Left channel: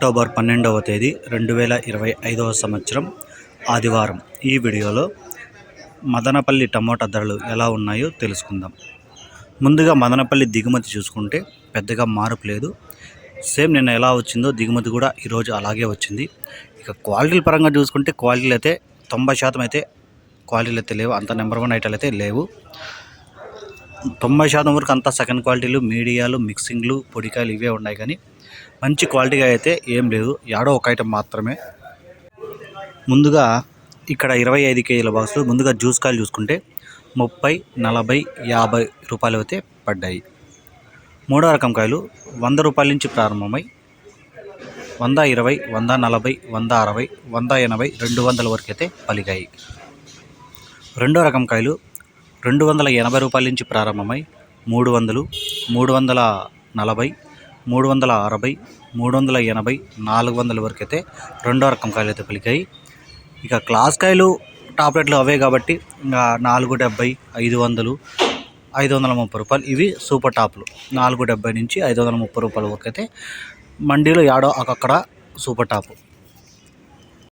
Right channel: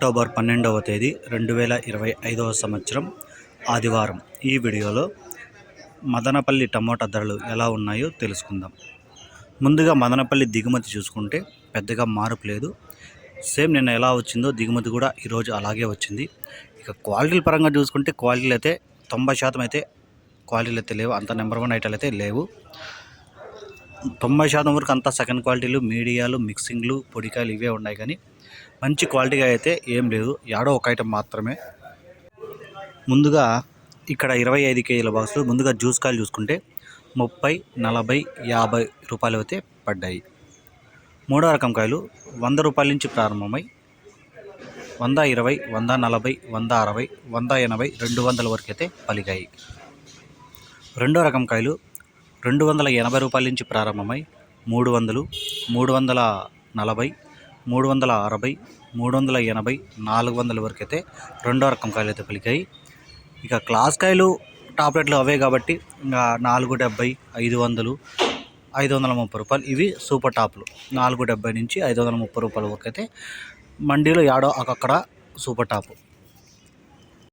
October పన్నెండవ తేదీ రెండు వేల ఇరవై ఐదవ సంవత్సరం ఆదివారం. ఈ వీడియోలో మదనపల్లి టమోటా ధరలు ఎలా ఉన్నాయో తెలుసుకుందాం. ముందుగా మదనపల్లి దిగుమతి చూసుకుంటే పెద్దగా మార్పు లేదు. సేమ్ నిన్న ఎలా వచ్చిందో దిగుమతి కూడా ఈరోజు అలాగే వచ్చింది. ఇక క్వాలిటీల పరంగా చూసుకుంటే క్వాలిటీలు అయితే తొంభై శాతం అయితే క్వాలిటీలు అయితే లేవు. అంత నెంబర్ వన్ ఐటాలు అయితే లేవు. తొంభై శాతం వరకు అంతా సెకండ్ క్వాలిటీలు మీడియాలు మిక్సింగ్లు పొడికాయలు ఇవే ఉన్నాయి కానీ మంచి క్వాలిటీగా అయితే ఏం లేదు. యాడో ఒక ఐటెం మాత్రమే. ముందుగా ఇక్కడ ఇరవై ఐదు కేజీల బాక్స్ ముందుగా జ్యూస్ కాయలు చూసుకుంటే ముప్పై నలభై యాభై రూపాయలు అయితే పడ్డాయి. మూడో రకం కాయలు వంద రూపాయల నుంచి ప్రారంభమై వంద ఇరవై వంద నలభై వంద అరవై వంద ఎనభై రెండు వందల వరకు అయితే పలిగాయి రెండో రకం కాయలు రెండు వందల ఎనభై రూపాయల నుంచి ప్రారంభమై మూడు వందలు మూడు వందల నలభై మూడు వందల అరవై మూడు వందల ఎనభై నాలుగు వందల వరకు అయితే రెండో రకం కాయలు అయితే పలికాయి. ఇక క్లాస్ కాయలు టాబ్లెట్లు అవే కాబట్టి నాలుగు డెబ్బై ఐదు వందలు ఐదు వందల ముప్పై రూపాయలు. ఇవి సూపర్ టాప్లు. నాలుగు డెబ్బై నుంచి ఐదు వందల ముప్పై రూపాయల వరకు అయితే మండీలో యాడో అక్కడ సూపర్ టాపు.